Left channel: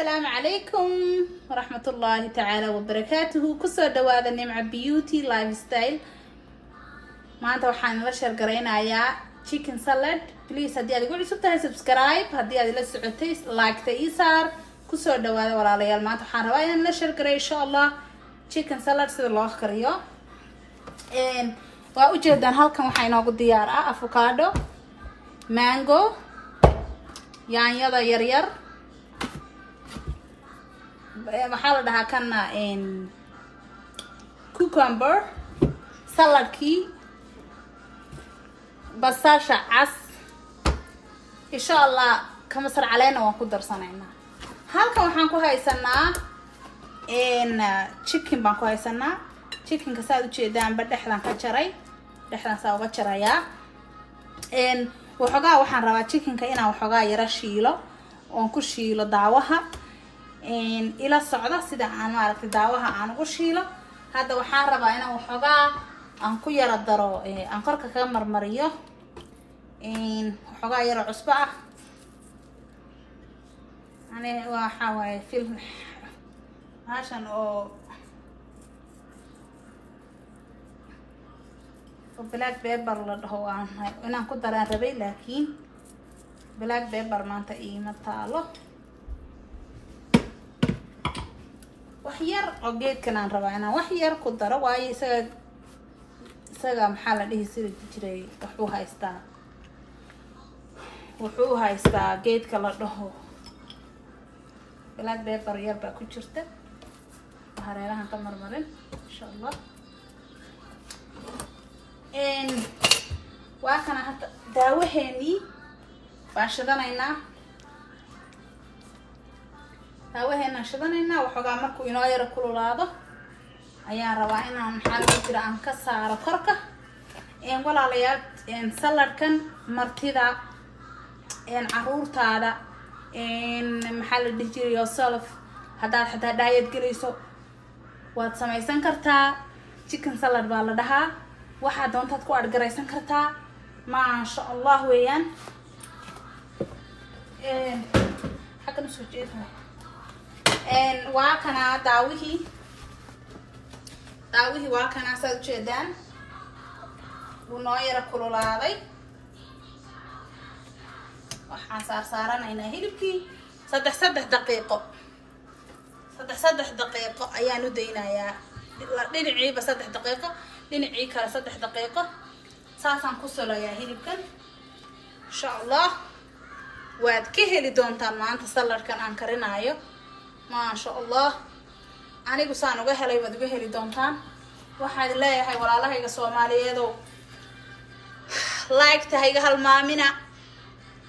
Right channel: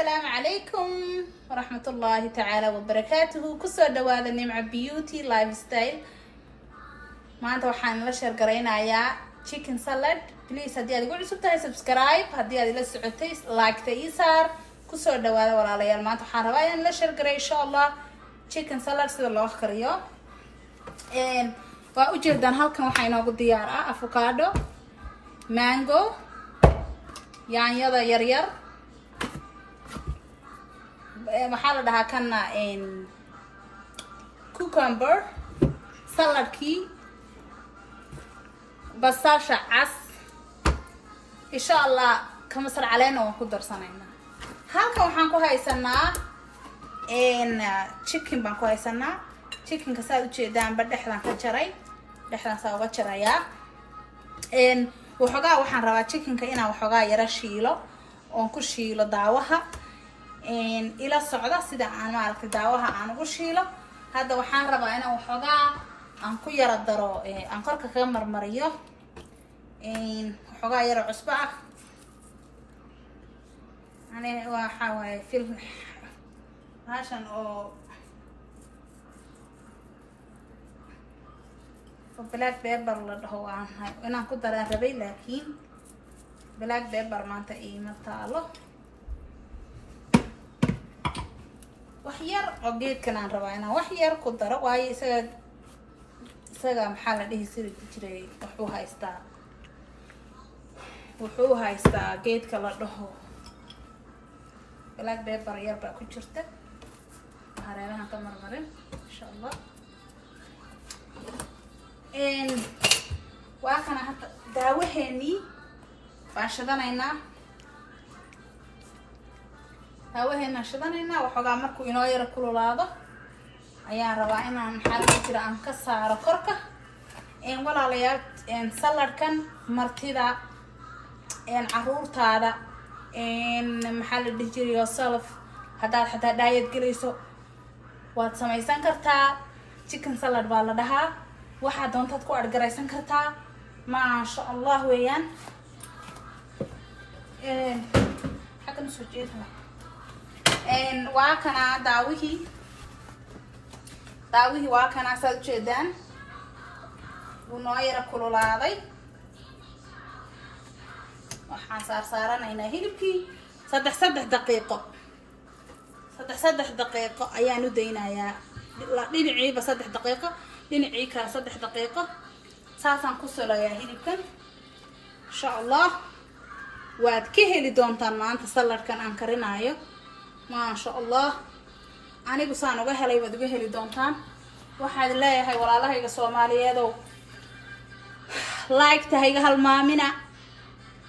السلام عليكم ورحمة الله تعالى وبركاته. كسر دوالة نمع بيوتي لايف ستايل. ما أنت وحنا نرشر قرينا يا chicken salad. بليز هدي أقول سبتها سبسكرايب هدي أدي لسه لايك تيسار كسر دوالة ولا ليال ما أنت وحنا رأينا نرشر قري إن شاء الله chicken salad سيد الله خيريو. وأوجدان هالكم وحنا نقول ديارة أفوكادو مانجو يعني هذا يرير محل ده كنا إن كوكمبر سلاد كي بساشة عس إن شاء الله كم صار علينا وقدر صنعنا هالكم وحنكو هاي سنة إن chicken بانكو هاي سنة chicken كسادو جدًا بدحلان كجري دحلان سوا كجريا إن وحقا وحن روا chicken كإنا وحقا يرشيله ونكشيله دعوها إن إلى الصعدة سيدا عن مالك دعوها عن وشيله هذا وحن روا إنا وحقا أنكو يردرو أنفرك كمر مريو إن وحقا يرى عصبة يعني وحاوي فيلم عشان أو بلاك بيبر هو أنا كنت على ربي لكن بلاك بيبر ما أنت إيه متعله وحير عقيد كنا نربع أنا وحير كنت رواي سجى محل اللي يصير تجري وحوها يستا جيد كلا له بلاك بيبر يربع كشرته هرينا هنكمل مرين إن شاء الله إن وأنا حتى داوهني فاشدنا داوهنا شدنا وحقا مركو يناير كل هذا أيام رواينا محل كتير عن كسر كركة إن ولا عليات إن سلر كان مرتدا إن عرور هذا إن محل ديجري يوسف هذا حتى دايت جريسو واتسمي سنكرتا chicken salad بالدها واحد دون تدكو أرجعيسن كرتا ما شاء الله ويان حاجة نسويتها إن واكنا داويه واكنا سجدان ونوير كل هذا وحصار صارنا هنا هيلبكي صدح دقيقة أيانو دينا يا دينعي بس 3 دقيقة دينعي كلا 3 دقيقة ساسان كسر يا هيلبكن إن شاء الله واد كهلي دونتان ما أنت سلر كان أنكرنا أيو ما شاء الله أنا بسانو جهلي واد كهلي دونتان واحد لا هاي ولا لا هاي الصومالية دو لايك تهاي هالمامنا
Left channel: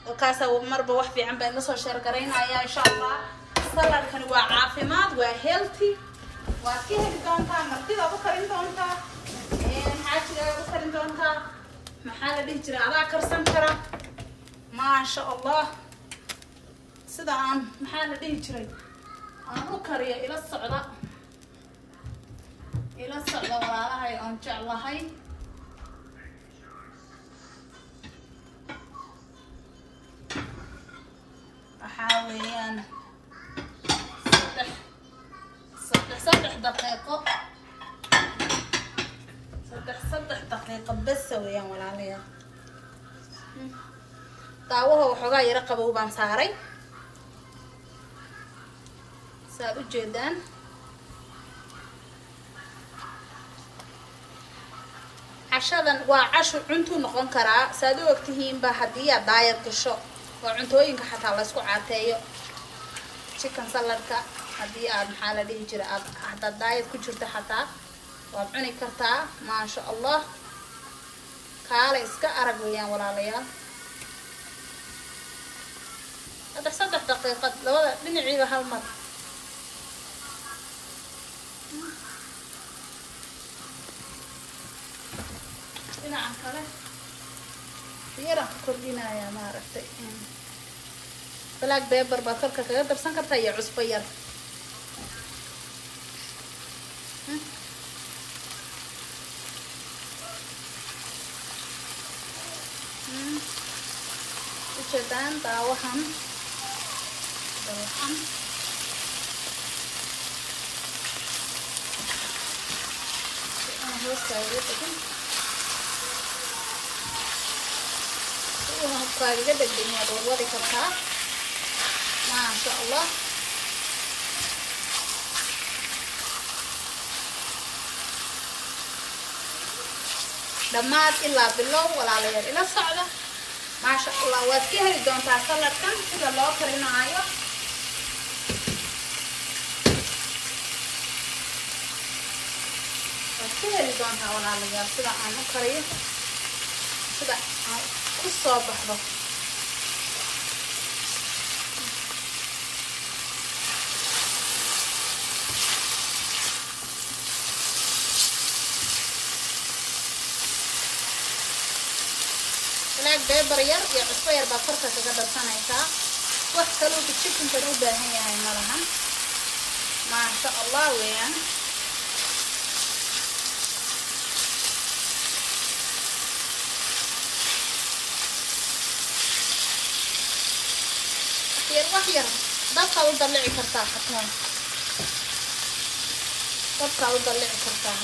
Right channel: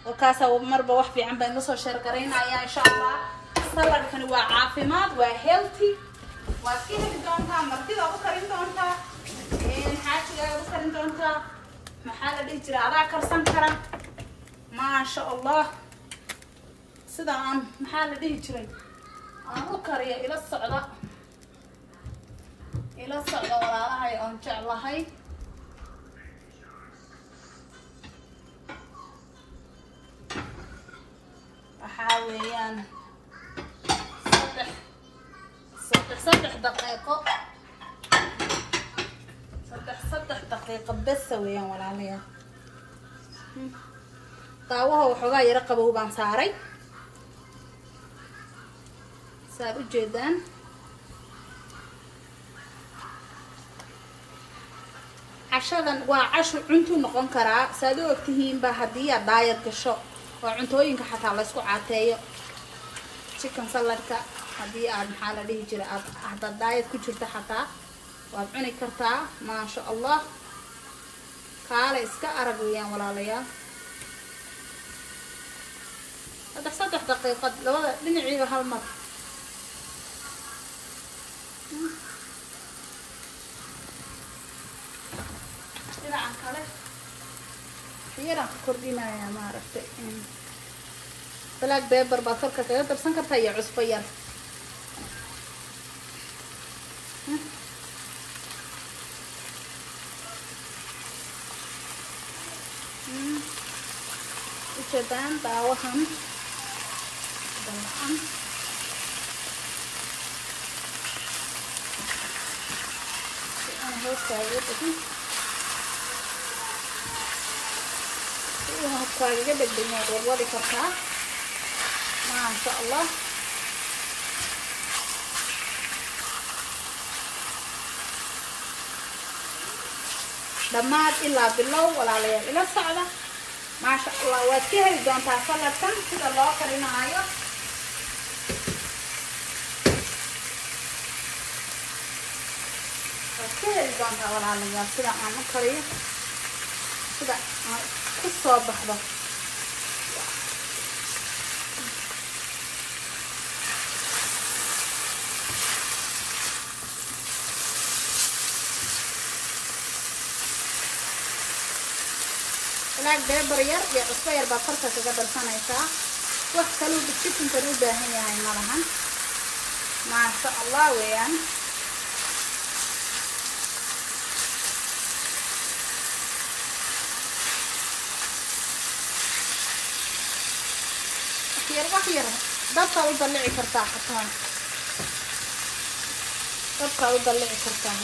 وكاسة مربى وحفي عم بين نصر شركرينا يا إن شاء الله سلر كان وعافمات وهيلثي وكهلي دونتان مرتي أبو كريم دونتان حاجة أبو كريم دونتان محل بيجري على كرسان كرا ما شاء الله سدان محل بيجري أنا كريه إلى الصعدة ولا هاي إن شاء الله هاي أحاول أنا صدح دقيقة صدح دقيقة بس ويان ولا عليها طاوها وحوغا يرقبوا بان صاري صاروا جدا عشان وعشو عنتو نقون كرا سادو وقتهين بهدية داير كشو وعنتوينك حتى الله اسكو عاتيو chicken saladka hadii aad maxaa la dhihi jiray aad hada diet ku jirto xataa waad cuni kartaa ma sha Allah kaale iska arag weeyaan walaalayaal saddex daqiiqad labada dhinaciiba hal mar dhinaca kale fiira kordhinaya ma aragtay بلاك بيبر باكرك كذا درسان كرتا يا عصبير جدان داوهم كاجا دغدغنا ودي كرتا ما شاء الله dhammaad ilaa bilow walaalayaal ila socda ma sha Allah waad ka heli doontaa saladkan sida loo karinaayo waad ka heli doontaa walaalayaal sida aan u kariyo sida ku soo baxdo beber yar iyo cusbo yar baa korka kaga darsanaysaa wax kaloo chicken-ka u baahan yahay malaha ma sha Allah weeyaan yar dabka u dalici kartaa xataa dabka u dalici kartaa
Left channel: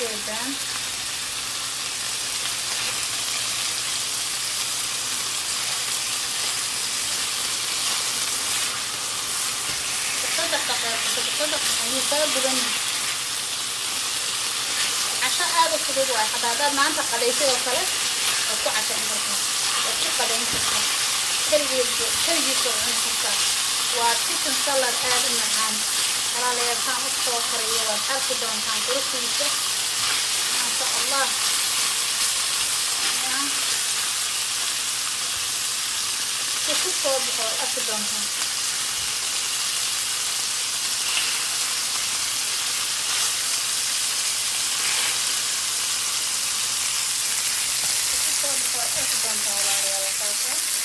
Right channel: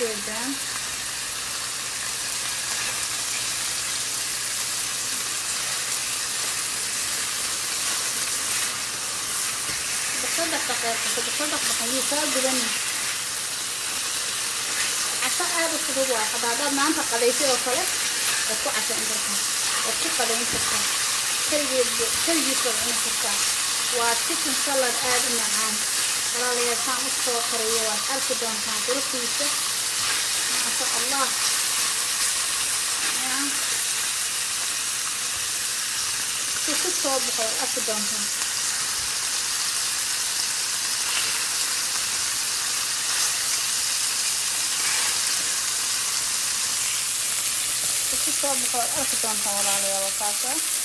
جدا تصدق صار بدني عشان هذا الشغل واحد هذا ما أنت قليته وخلاص وكو عشان تركه وكو قليل تركه كل يصير عن تركه وتكون سلر هذا النعام ولا لا يفهم الصوفرية والأكل دون كان تركه ما شاء الله كيف تصوب أقدامها كيف تصوب أقدامها ولا وفاته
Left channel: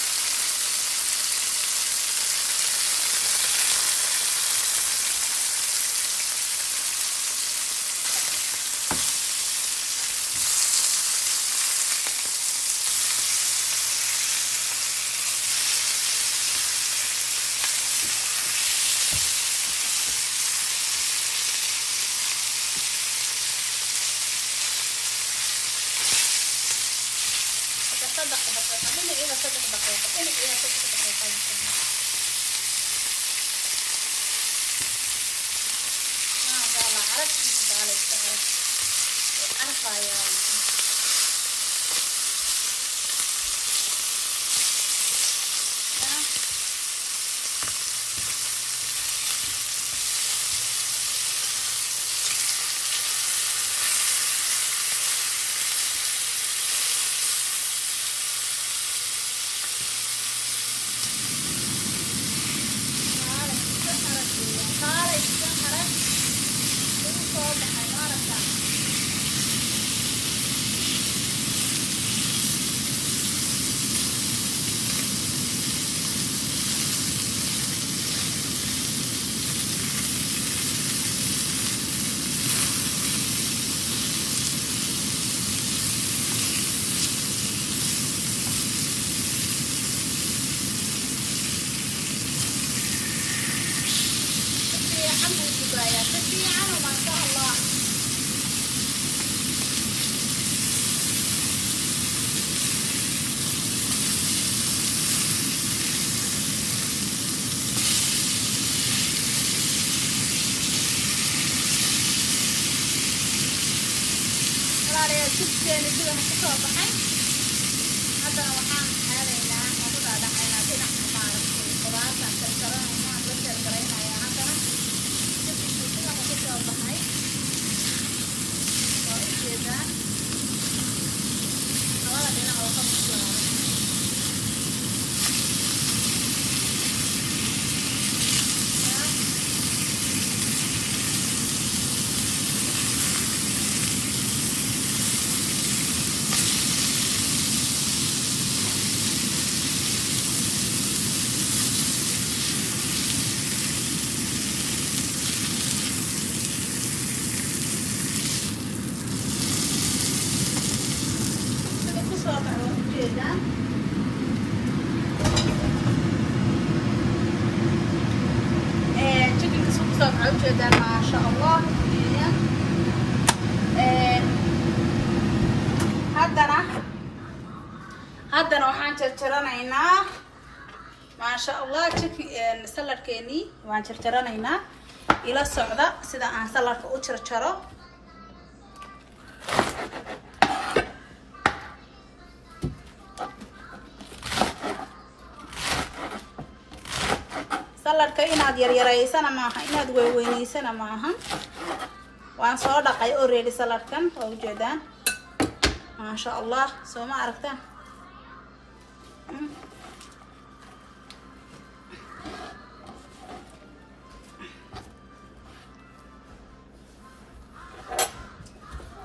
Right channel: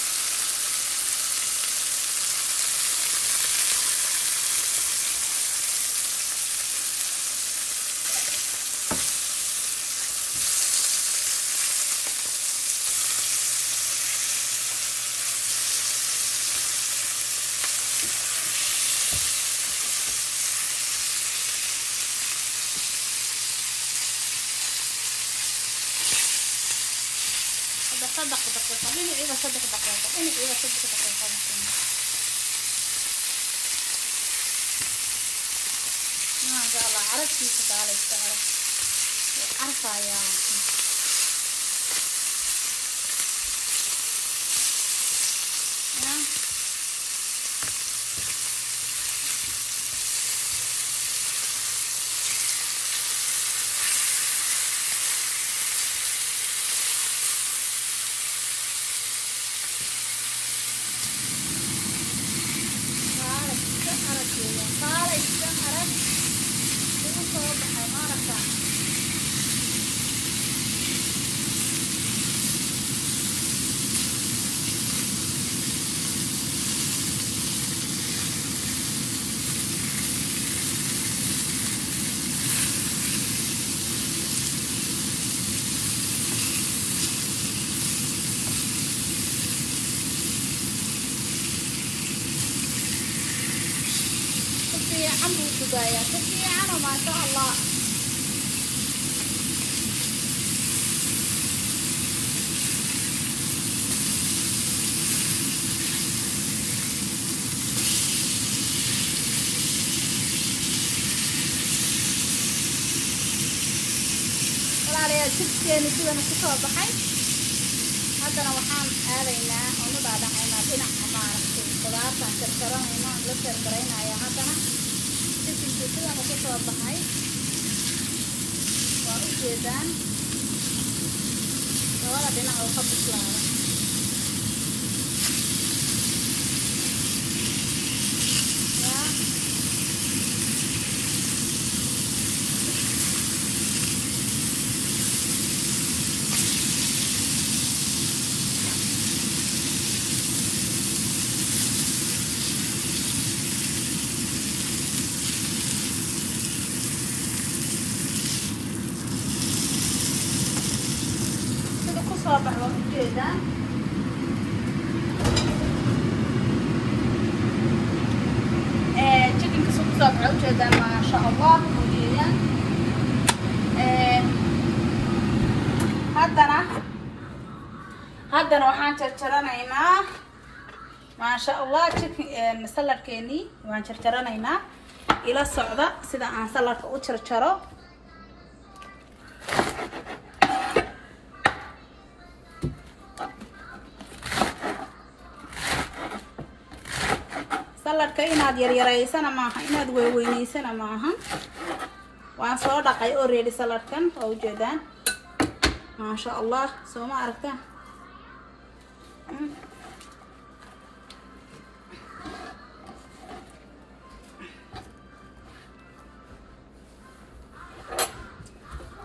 هذا وحان جرجرانينا ما شاء الله chicken salad كيني وحان جرجرانينا إلى الصعدة سيدا عن salad كو جرجرو salad ka inaad yaryaraysana maaha inaad weynaysana maaha waan soo dhaqay already salad kan oo jeedaan ما شاء الله سو ما عرفته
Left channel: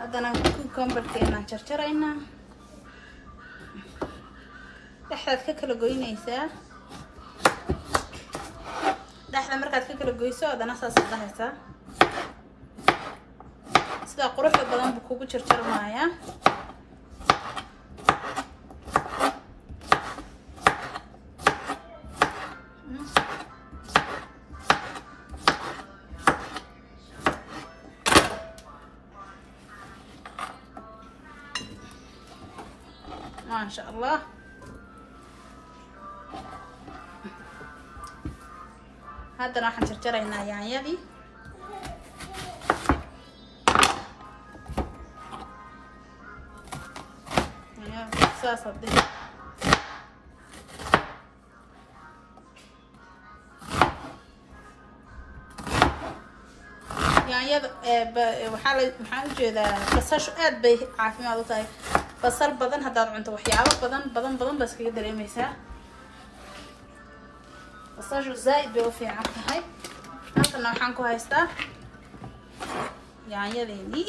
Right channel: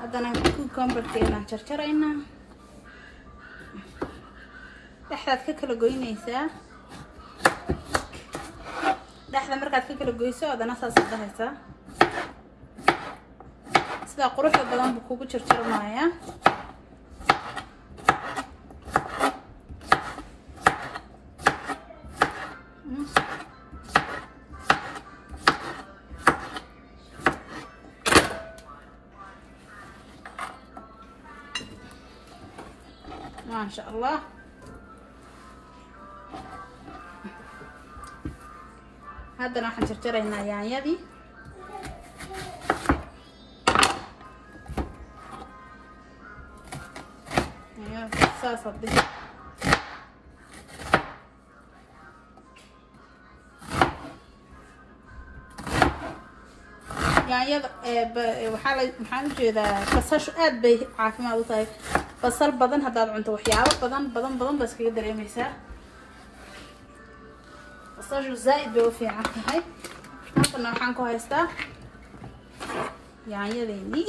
هذا أنا كوكمبر كنا شرشرينا دحرت ككل جوينيسا دحرت مركز ككل جويسا هذا نص صدقها سدا قروح بدن بكوكو شرشر معايا ما شاء الله هذا راح نشرشرينا يعني دي صدق يعني waxaan jeedaa basashu aad bay caafimaad u tahay basal badan hadaad cunto waxyaabo badan bas kaga dareemaysaa basashu zaid bay u fiican tahay halkana waxaan ku haystaa yaanyadeeni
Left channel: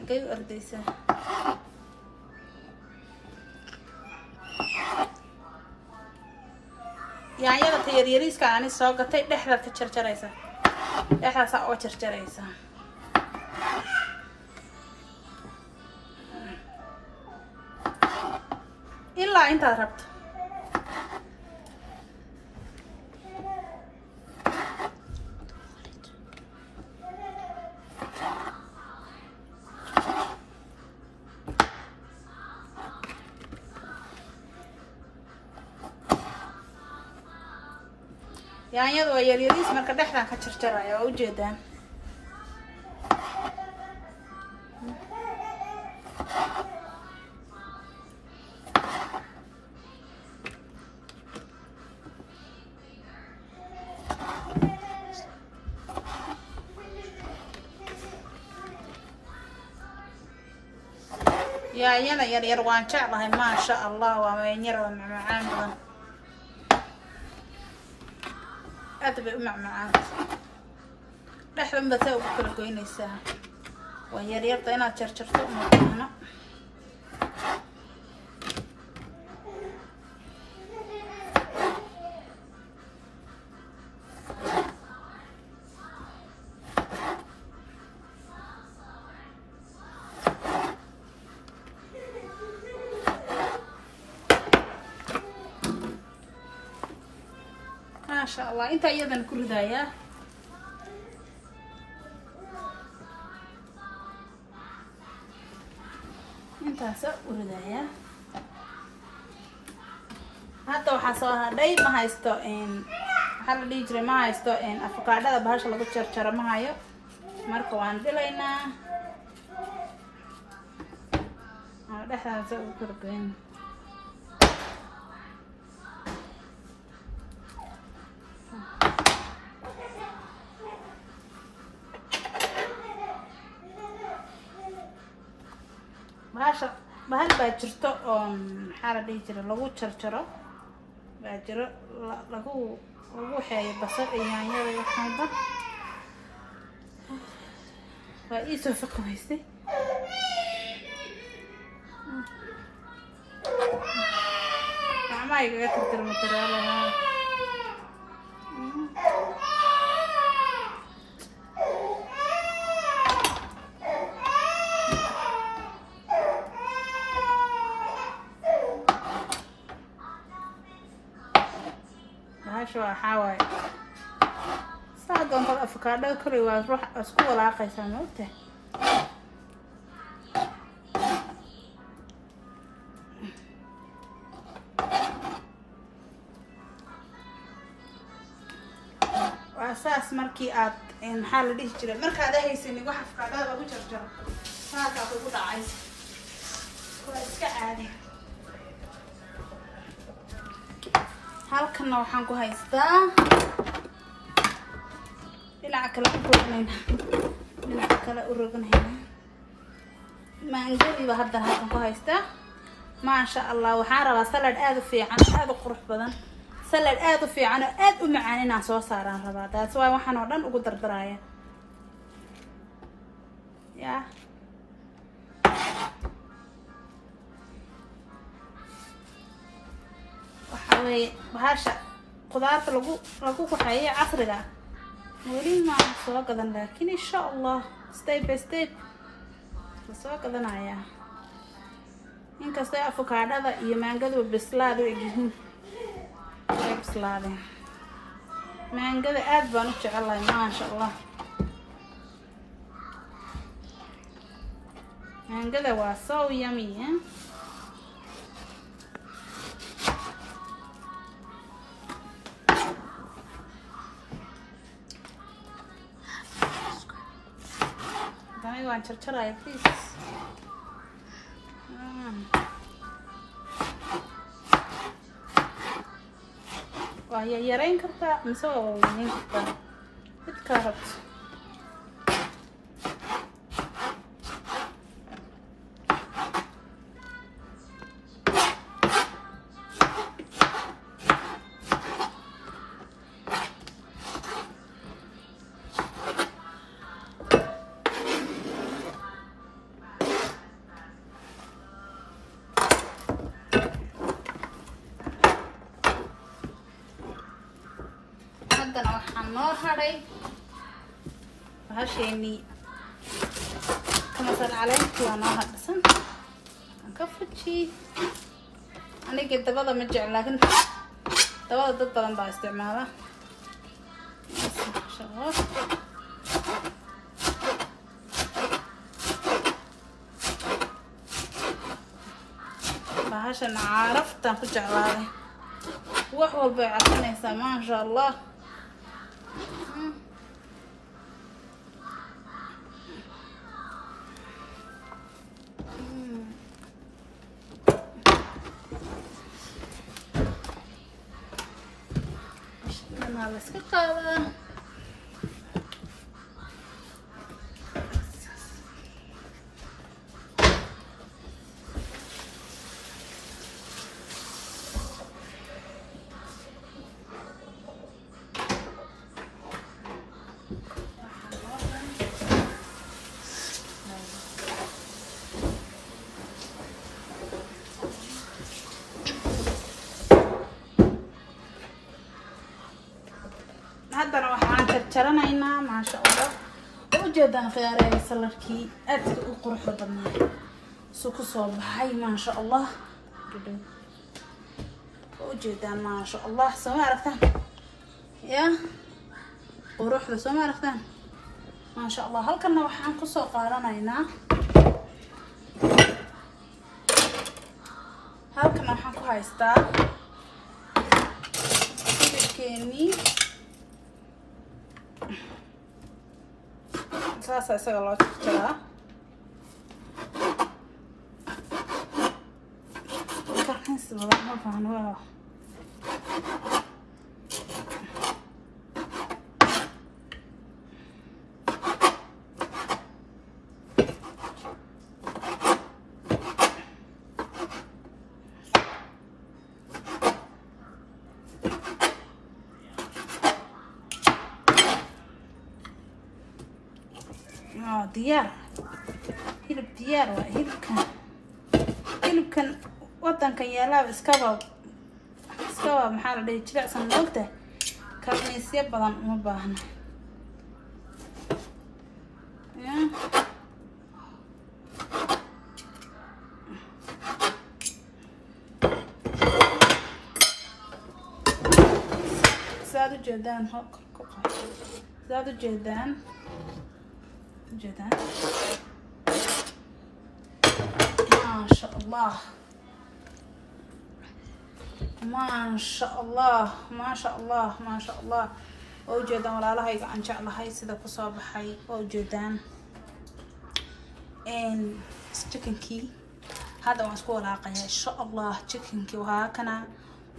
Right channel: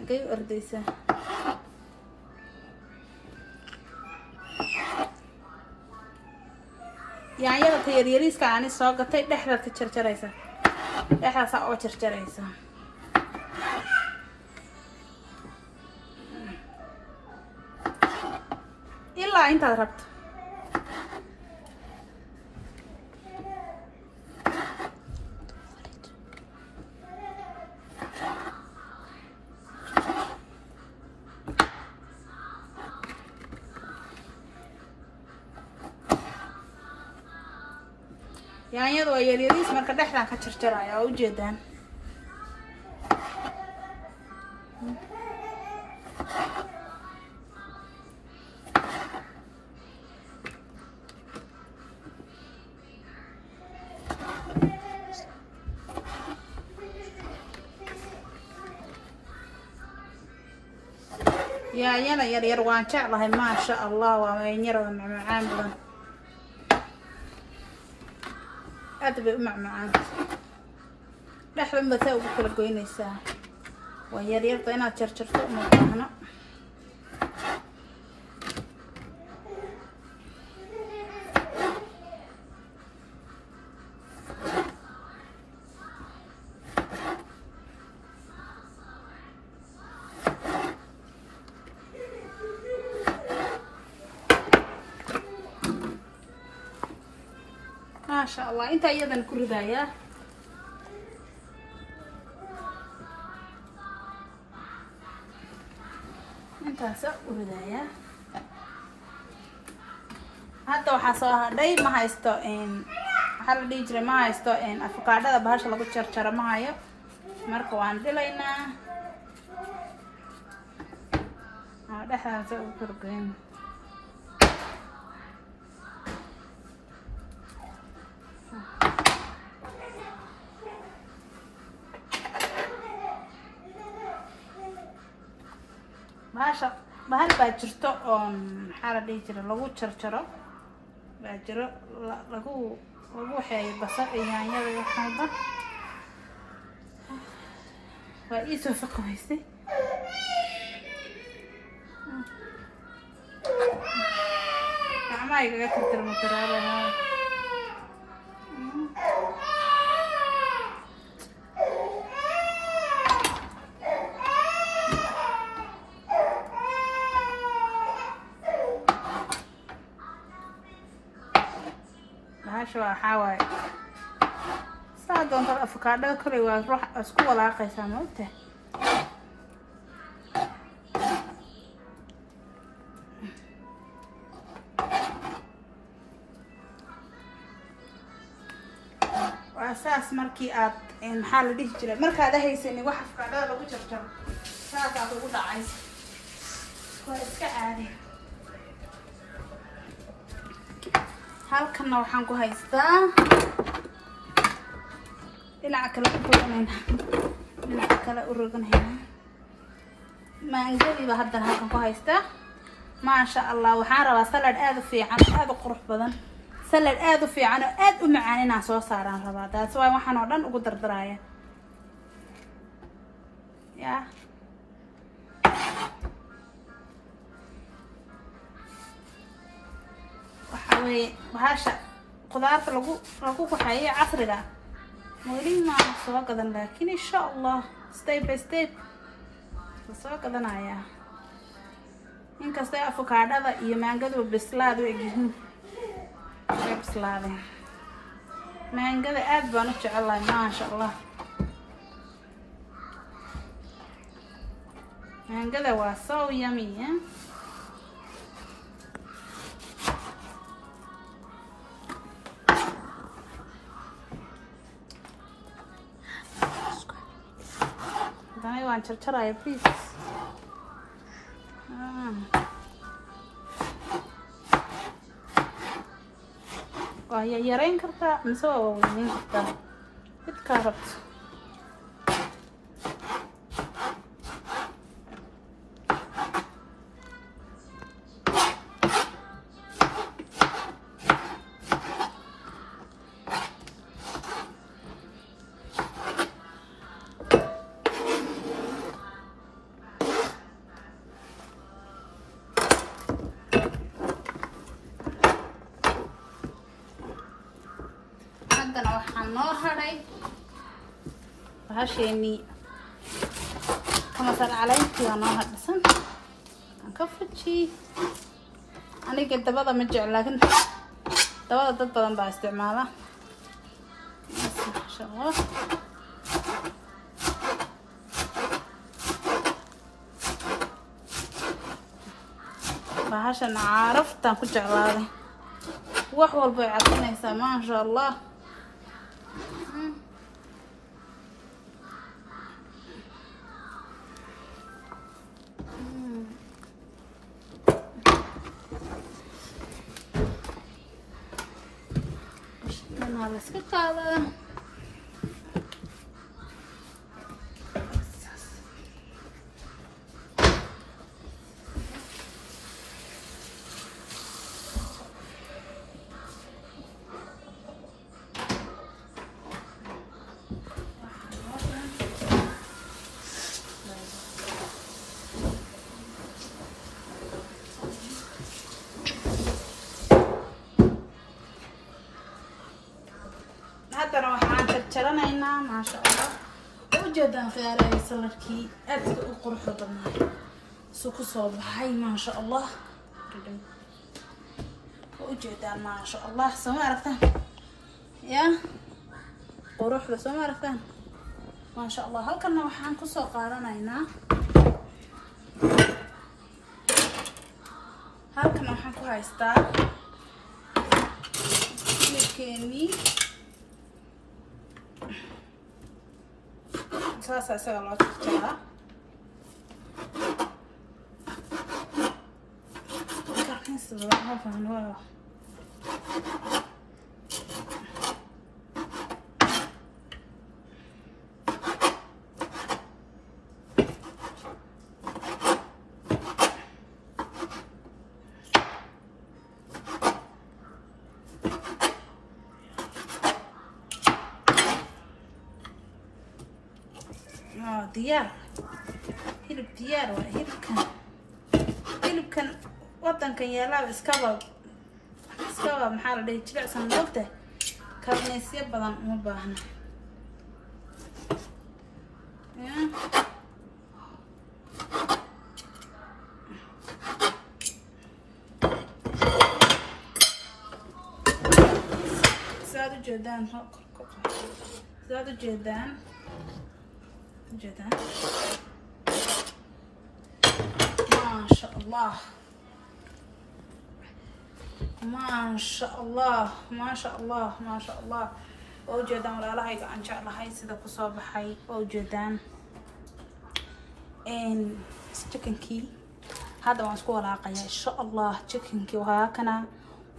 agay ordaysaa yaanyada tayariiriska aan soo gatay dhexda ka jarjaraysa dhexdaas oo jarjaraysa ilaa intaad rabto yaanyadu waa yaryariis marka dhexdan ka jarjaraya oo u jeedaan yaanyada yaryar waan jeclahay ma sha Allah waa yaanyada macaan badan أتبع معاه لحظة بتاعي بكل كوينيسا ويرير طينا تشرشرت هنا ما شاء الله انت ايضا كل دايا انت سأقول دايا هذا وحصاها داي ما هايستو ان حال ديجري ما هايستو ان افكاردada bahasha lagu jarjaro ma hayo marka waan dilaynaa dhexdaas u kurgeyn bahal baa jirto oo maxaa la dhihi jiray lagu jarjaro baa jiro lagu waxeeyo basal iyo yaanyada iyo xalba waa ii soo faqaystay gacmaha igaga tirtirma tiraalaha شو حاوي صادق أنت الأفكار كله وروح أسكو ولا قيس موته saas markii aad maxaa la dhihi jiray markaad haysan wax afkaada lagu jarjaro saas aad ugu dhacayso waa iska caadi halkan waxaan ku haystaa dhinaca kale u rognayna dhinaca kale u rognayna maangadiba hadda halkan ku haystaa maasha Allah waxaan rabaa salad aad u fiican aad u qurux badan salad aad u fiican oo aad u macaan inaan soo saaraan rabaa taas waa waxaan oo dhan ugu dardaraya ya waxa weeye bahasha qudaarta lagu kuxayo casriga weli ma soo gadan laakiin insha Allah step by step soo gadanaya inkastoo avocado iyo maangadu bislaad u egyihiin bislaadeen maangada aad baan u jecelahay maasha Allah maangada waa so yummy waan jarjaraya please waa yareyn kartaa mise waa mid carrot waxaan noo haray bahasheenii kamasar caleyntii waa noo hadhisan aan ka fuji aniga dabada ma jecel laakiin dabada dad badan baa isticmaala bahashan caraftaan ku jeclaaday wax walba ay cadinaysaa maasha Allah let's get that. jaranaynaa maasha Allah ujeedaan khiyaarayna saladkii aad u qurux badan soo ku soo baxay maasha Allah ujeedaan maasha Allah soo aragtaan ya quruxda soo aragtaan maasha Allah halkan waxaan ku soo qaadanaynaa halkan waxaan ku haystaa keeni saas isaga loo jarjaraa karkiisa ma fahmo diyaar hilib diyaar waa hilibkan wadankan yaalaaba iskaba maxaa la dhihi jilicsan moogta karniisyo badan uma baahna saad u jeedaan جدا ما شاء الله ما شاء الله ما شاء الله ما شاء الله وجدان ولا هاي عن شأن هاي سيدا كصاب حي وجدان إن chicken كي هذا واسكو علاقة إن شاء الله chicken كي وهاكنا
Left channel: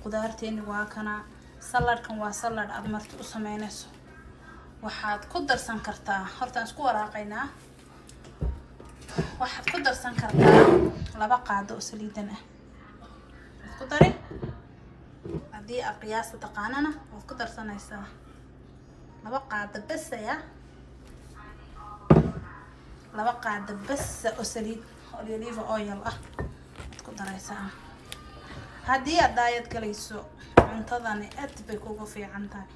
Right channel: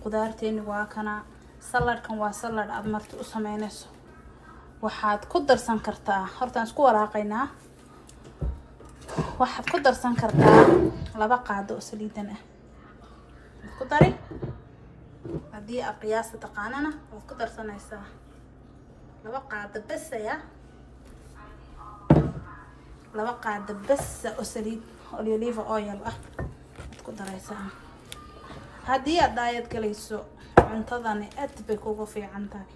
قدرتين وهاكنا سلاد كان وسلاد أدمرت أسمينسو waxaad ku darsan kartaa horta isku walaaqayna waxaad ku darsan kartaa 2 qaado oo saliidan ah ku dari hadii qiyaasta taqaanana waad ku darsanaysaa 2 qaado bas ya 2 qaado bas oo saliid olive oil ah ku daraysaa hadii aad diet galayso cuntadani aad bay kugu fiican tahay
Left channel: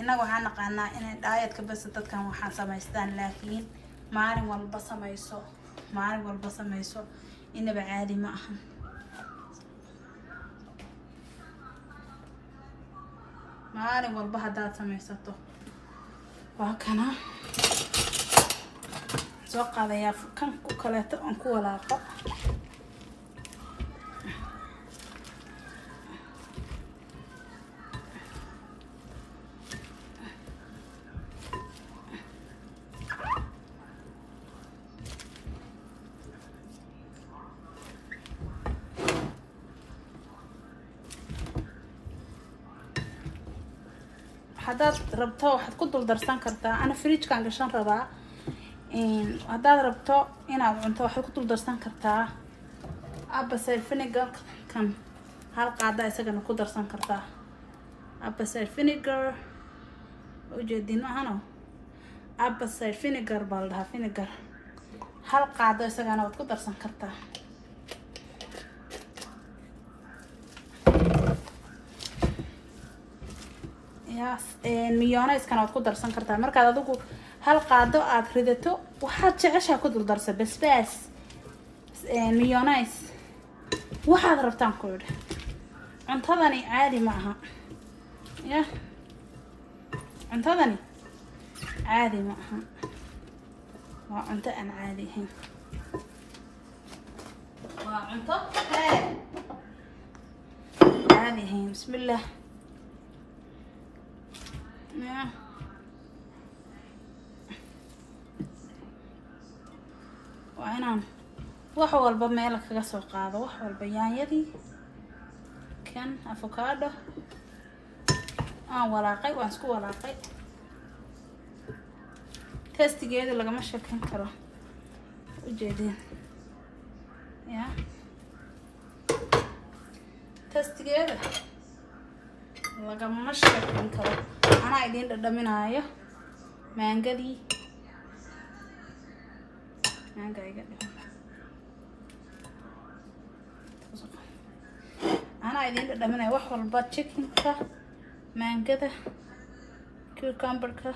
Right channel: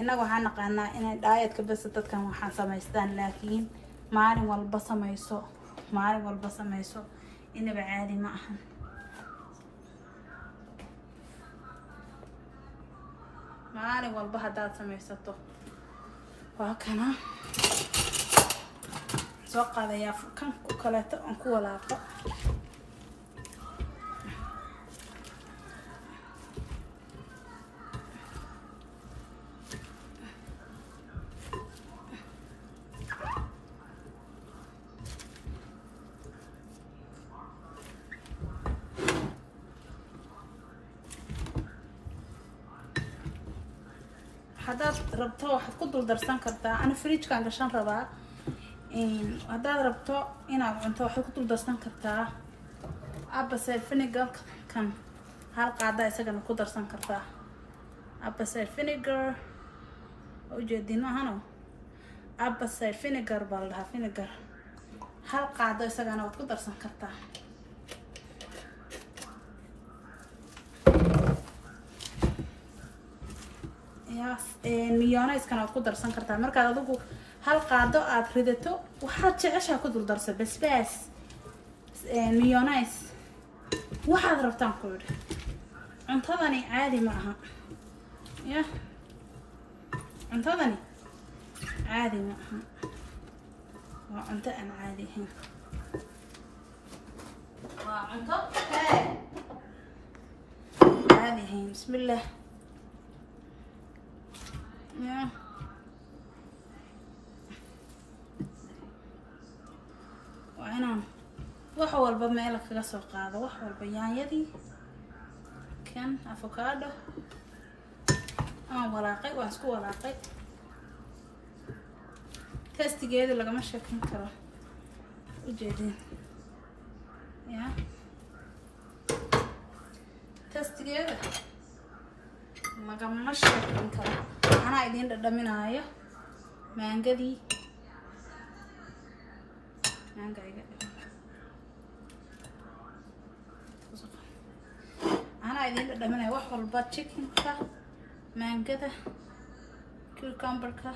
inagu waxaan naqaanaa inay diet ka bas dadkan waxaan samaystaan laakiin maalin walba samayso inaba caadi ma aha maalin walba hadaad samaysato waa kana soo qaadaya kan ku kaleeto aan ku walaaqo هذا ربطه واحد كنت درسان كرتا أنا فريج كان قشان ربا هذا ربطه هنا عنده واحد كنت درسان كرتا أبس الفينيجر كان هالقاعدة يسجن كنت درسان كرتا أبس الفينيجر وجدينه هنا أبس الفينيجر بالها فينيجر هالقاعدة يسجن كنت درسان كرتا ميونيز كانت ku darsan kartaa marka adigu hal qaado aad ridato waxaad jeceshaa ku dul darso basbaas ميونيز waxaad rabtaan ku yiri cuntadani caadi ma aha ya cuntadani caadi ma aha waa cunto aan caadi ahayn waa cunto caadi ahayn bismillah Yeah. وأنا وحول بميلك كسر قاضي وحول بيانيدي كان أفوكادو ولاقي واسكو ولاقي تستي جيد لقى مشي كان كرا وجدين يا تستي جيد لقى مشي كان كرا أنا عايزين ندمناها مانجدي أنا عايزين ندمناها وحول بات تشيكن كا مانجدا كوكمبر كا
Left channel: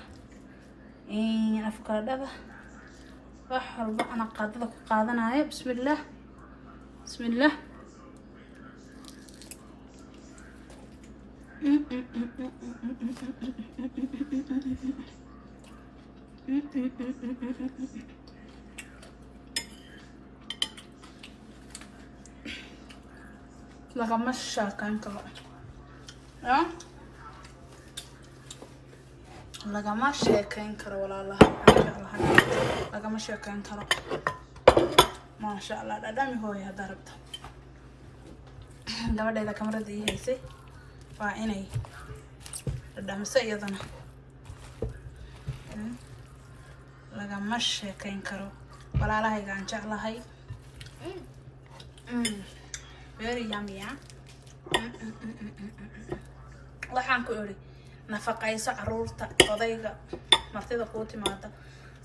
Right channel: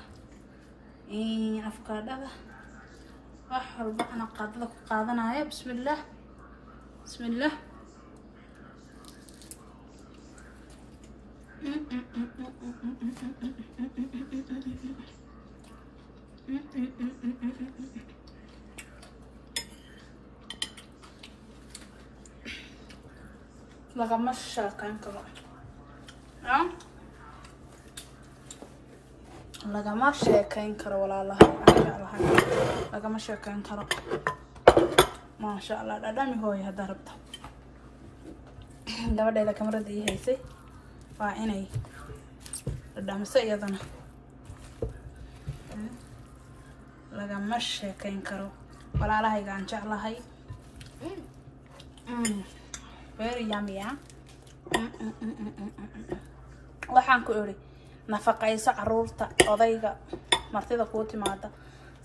أفكار وحول بات أنا قاعدنا بسم الله بسم الله لغم الشاكين كرو لغم الشاكين كرو ولا الله لغم الشاكين كرو ما شاء الله دامي هوي هذا ربطه gabadha ila kamarada haysay waa inay dhadhamso iyadana lagama sheekayn karo walaalahayga aan jeclahay very yummy waxaan ku iri nafaqayso caruurta odayga martida ku timaada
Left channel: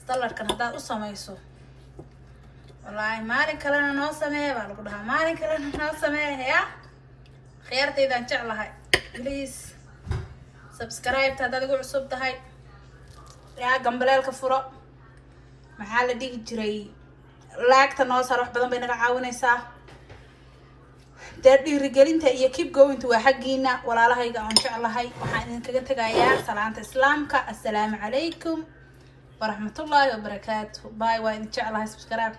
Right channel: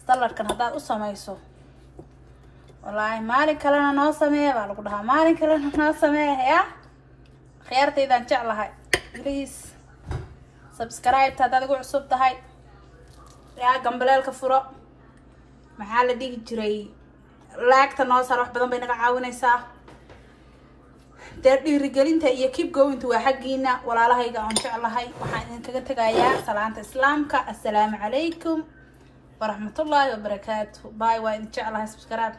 saladkan hadaad u samayso wallahi maalin kalena noo sameeyo baa lagu dhahaa maalin kalena noo sameeyo ya خيارتي جعلها please subscribe هذا تقول عصب تهاي يا جنبلال كفرة محل ديك جري لاك تناصر روح بدن بينك عاونيسا تردي رجالين تأيه keep going to حقينا ولا لها يجا إن شاء الله هاي وحين كنت جاية سلامة إسلام السلام عليكم ورحمة الله وبركاته باي وإن شاء الله subscribe